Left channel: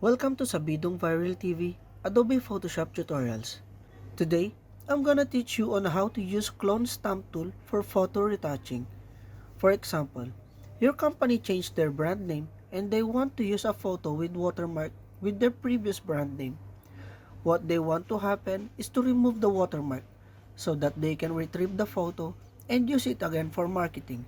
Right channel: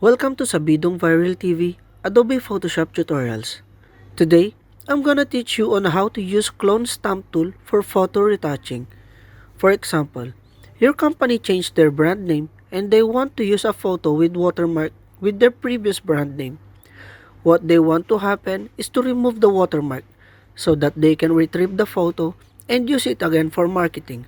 Welcome to Sabidong Viral TV, Adobe Photoshop Tutorials. Today, I'm gonna teach you on how to use clone stamp tool for photo retouching. For example, your company changed their brand name and they want to use a photo with watermark with their previous brand name. What they want to happen is to remove the watermark so that they can retrieve the photo and use it again for marketing.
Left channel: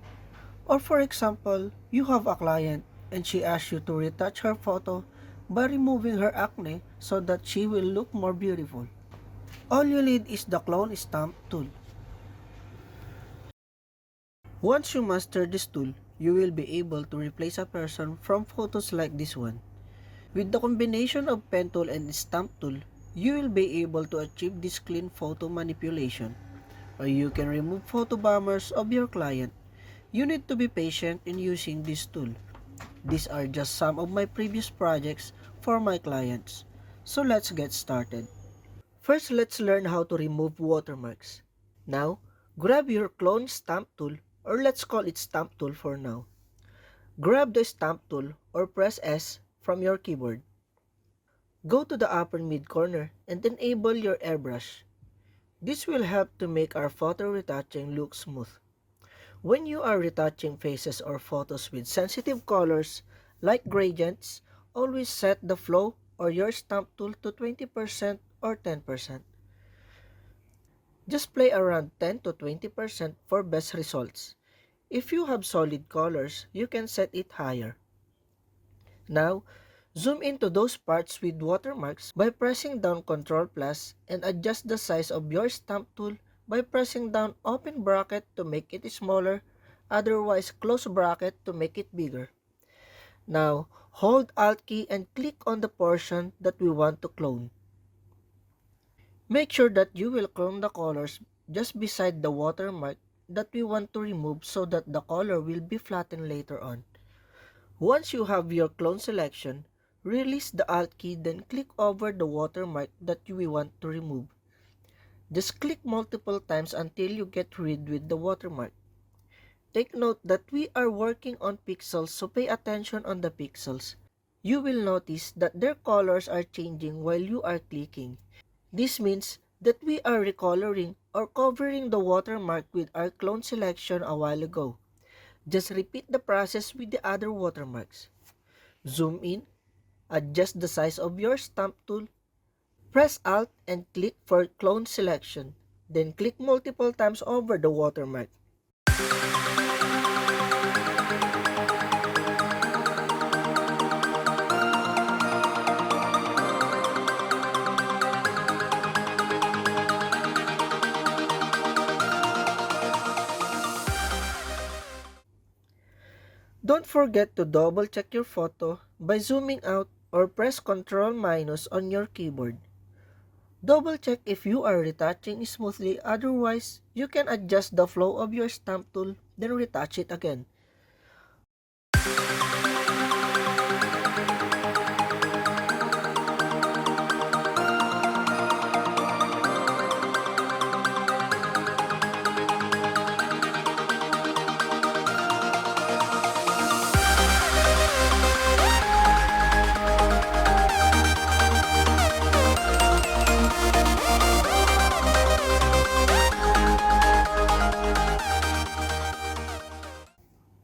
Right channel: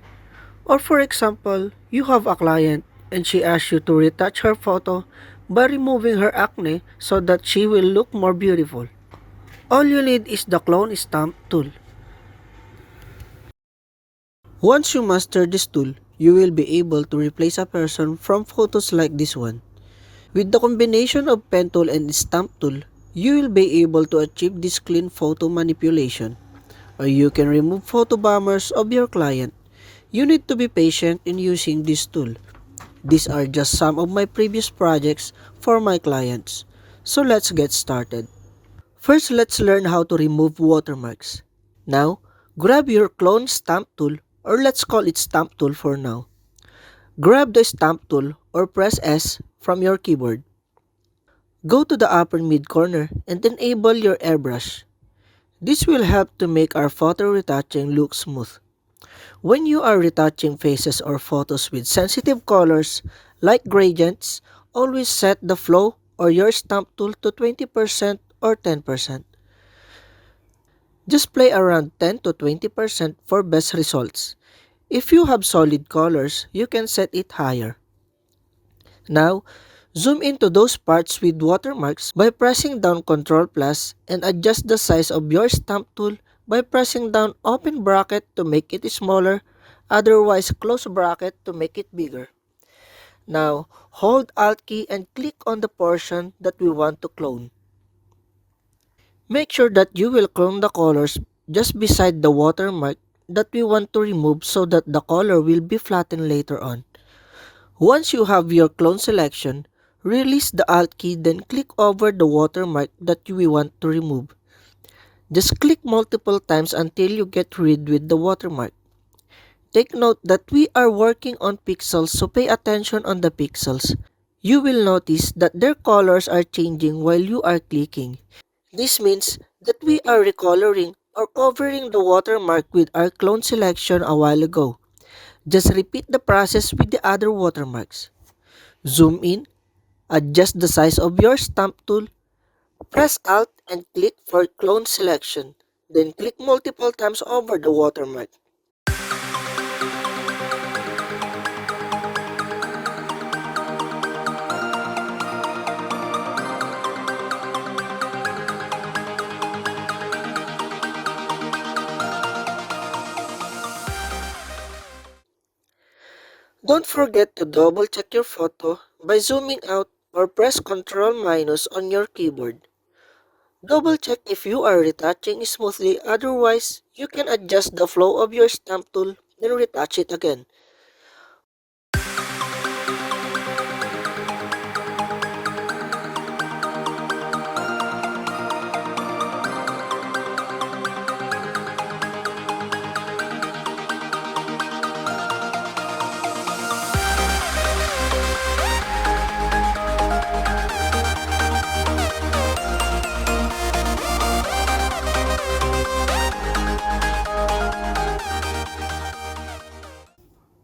Or for example, you have a client and she asks you to retouch her photo by removing her acne so that she will look more beautiful. All you need is the clone stamp tool. Once you master this tool, you will be able to replace a person from photos like this one. With the combination of pen tool and stamp tool, you will be able to achieve this clean photo manipulation. Or you can remove photobombers of your client. You need to be patient in using this tool. These are just some of my previous projects for my clients. So let's get started. First, let's learn how to remove watermarks. Now, grab your clone stamp tool, or let's call it stamp tool for now. Grab the stamp tool or press S from your keyboard. Go to the upper mid corner and enable your airbrush. This will help to make our photo retouching look smooth. When you are retouching faces or photos with sensitive colors like gradients, always set the flow or your stamp tool to 20% or 10%. Just play around 10 to 20% for best results. If you have solid colors, you can set it higher. Now, zoom into those parts with watermarks by pressing down Ctrl plus and adjust the size of your stamp tool by pressing down open bracket to make it smaller, otherwise close bracket to make it bigger. Now, hold Alt key and click on the portion that we want to clone. Make sure that you will clone the colors just beside the watermark that we want to remove so that the color will be flattened later on. Once you have your clone selection, release the Alt key, then click over the watermark that we want to remove. Just click multiple times until you get rid with the watermark. Take note that we are working on pixels, so pay attention on the pixels. You will notice that their colors are changing while you are clicking. This means that we are recoloring or covering the watermark with our clone selection a while ago. Just repeat the process with the other watermarks. Zoom in, adjust the size of your stamp tool, press Alt and click for clone selection. Then click multiple times over the watermark. Don't forget to double check your photo by zooming out or press Ctrl minus on your keyboard. Double check if you are retouching smoothly, otherwise you can adjust the flow of your stamp tool then retouch it again.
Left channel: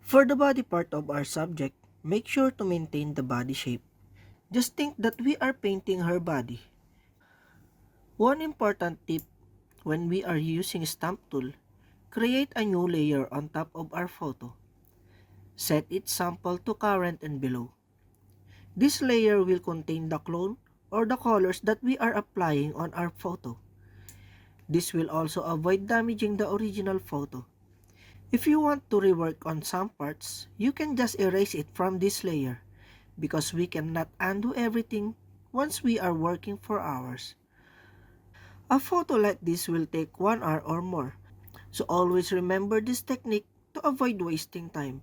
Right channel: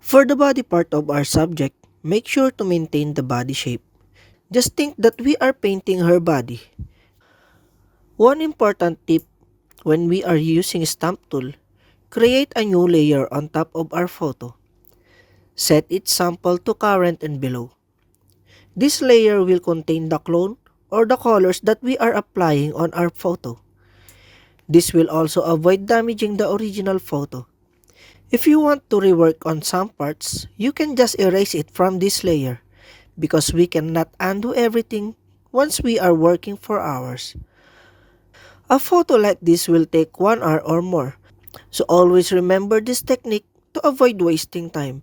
For the body part of our subject, make sure to maintain the body shape. Just think that we are painting her body. One important tip when we are using stamp tool, create a new layer on top of our photo. Set its sample to current and below. This layer will contain the clone or the colors that we are applying on our photo. This will also avoid damaging the original photo. If you want to rework on some parts, you can just erase it from this layer because we cannot undo everything once we are working for hours. A photo like this will take 1 hour or more, so always remember this technique to avoid wasting time.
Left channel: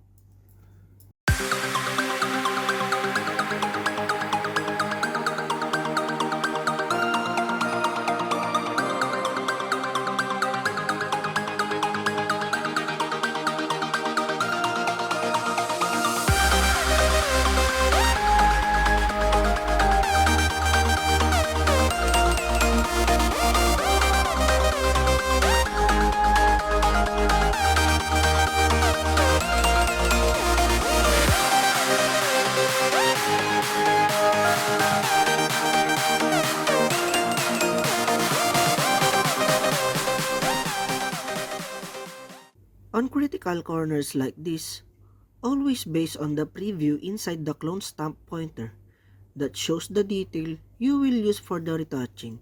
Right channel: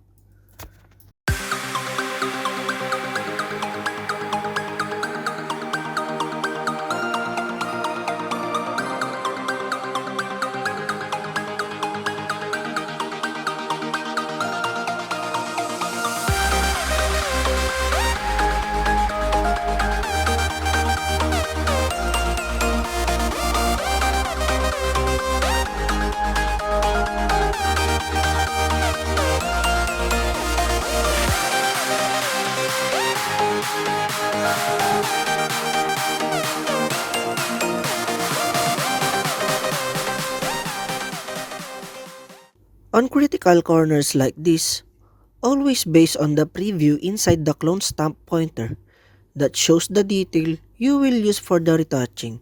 On critical corners like this, always base on the preview inside the clone stamp pointer that shows the detail you will use for the retouching.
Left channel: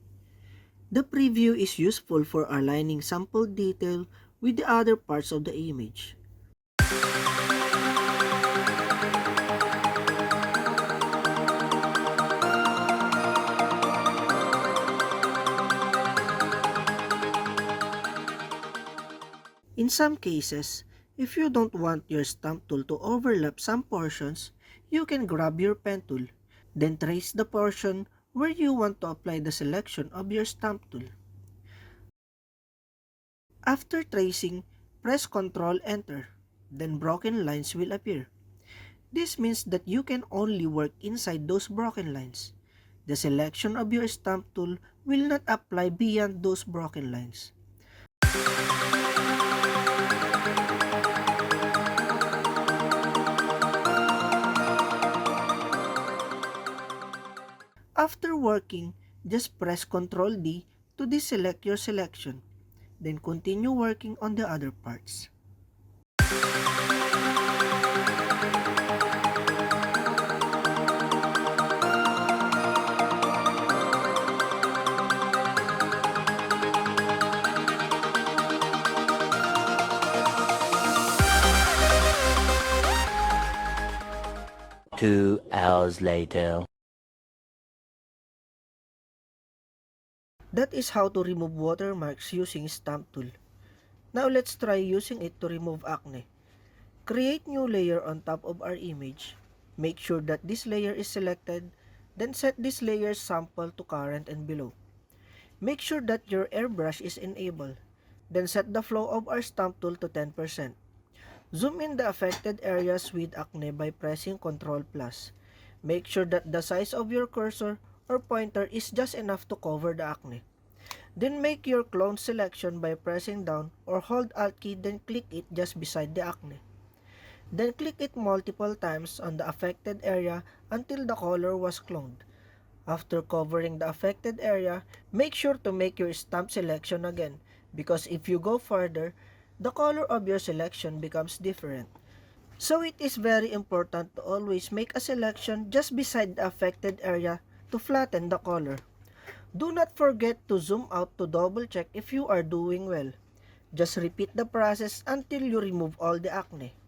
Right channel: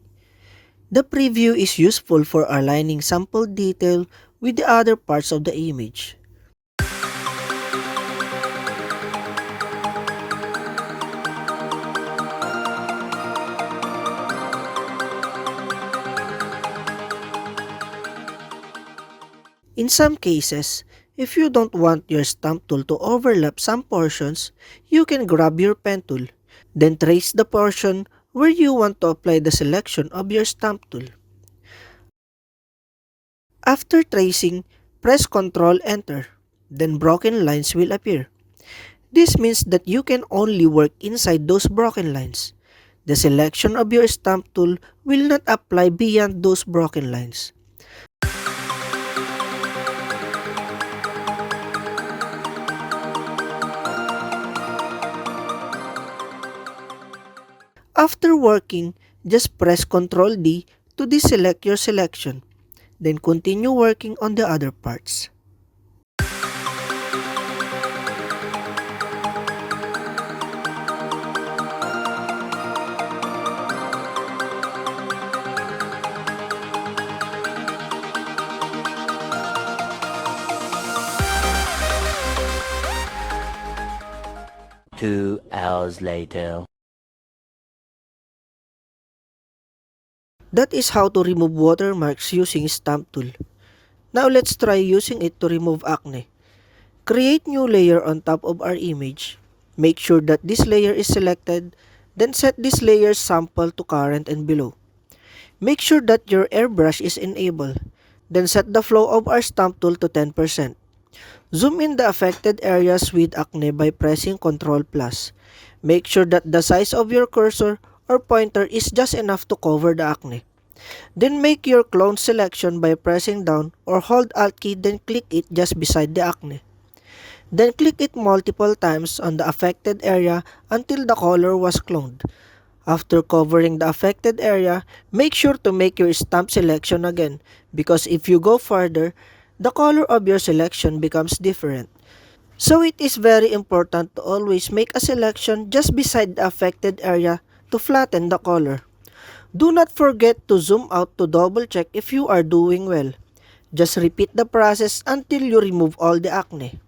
The preview is useful for aligning sample detail with the other parts of the image. In some cases, if you don't want your stamp tool to overlap some portions, you can grab your pen tool, then trace the portion where you want to apply the selection of your stamp tool. After tracing, press Ctrl Enter, then broken lines will appear. This means that you can only work inside those broken lines. The selection of your stamp tool will not apply beyond those broken lines. After working, just press Ctrl D to deselect your selection, then continue working on the other parts. Two hours later. That is how to remove watermarks using stamp tool. Now let's try using it to remove acne. Create new layer on top of our image. Make sure that this layer is selected, then set this layer's sample to current and below. Make sure that your airbrush is enabled, then set the flow of our stamp tool to 10%. Zoom in the affected areas with acne by pressing Ctrl+. Make sure that the size of your cursor or pointer is just enough to cover the acne. Then make your clone selection by pressing down or hold Alt key, then click it just beside the acne. Then click it multiple times on the affected area until the color was cloned. After covering the affected area, make sure to make your stamp selection again, because if you go further, the color of your selection becomes different. So it is very important to always make a selection just beside the affected area to flatten the color. Do not forget to zoom out to double check if you are doing well. Just repeat the process until you remove all the acne.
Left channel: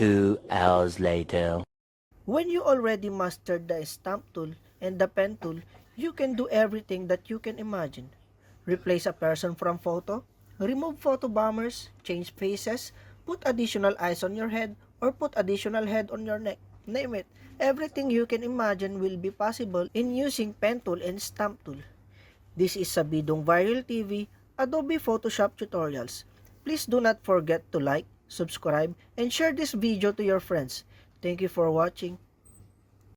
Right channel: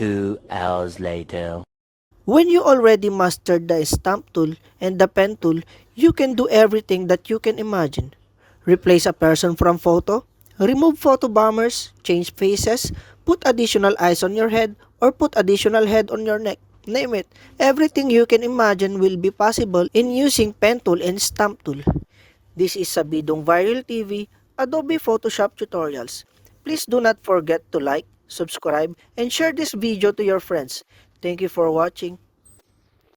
Two hours later. When you already mastered the stamp tool and the pen tool, you can do everything that you can imagine. Replace a person from photo, remove photobombers, change faces, put additional eyes on your head, or put additional head on your neck. Name it, everything you can imagine will be possible in using pen tool and stamp tool. This is Sabidong Viral TV, Adobe Photoshop tutorials. Please do not forget to like, subscribe, and share this video to your friends. Thank you for watching.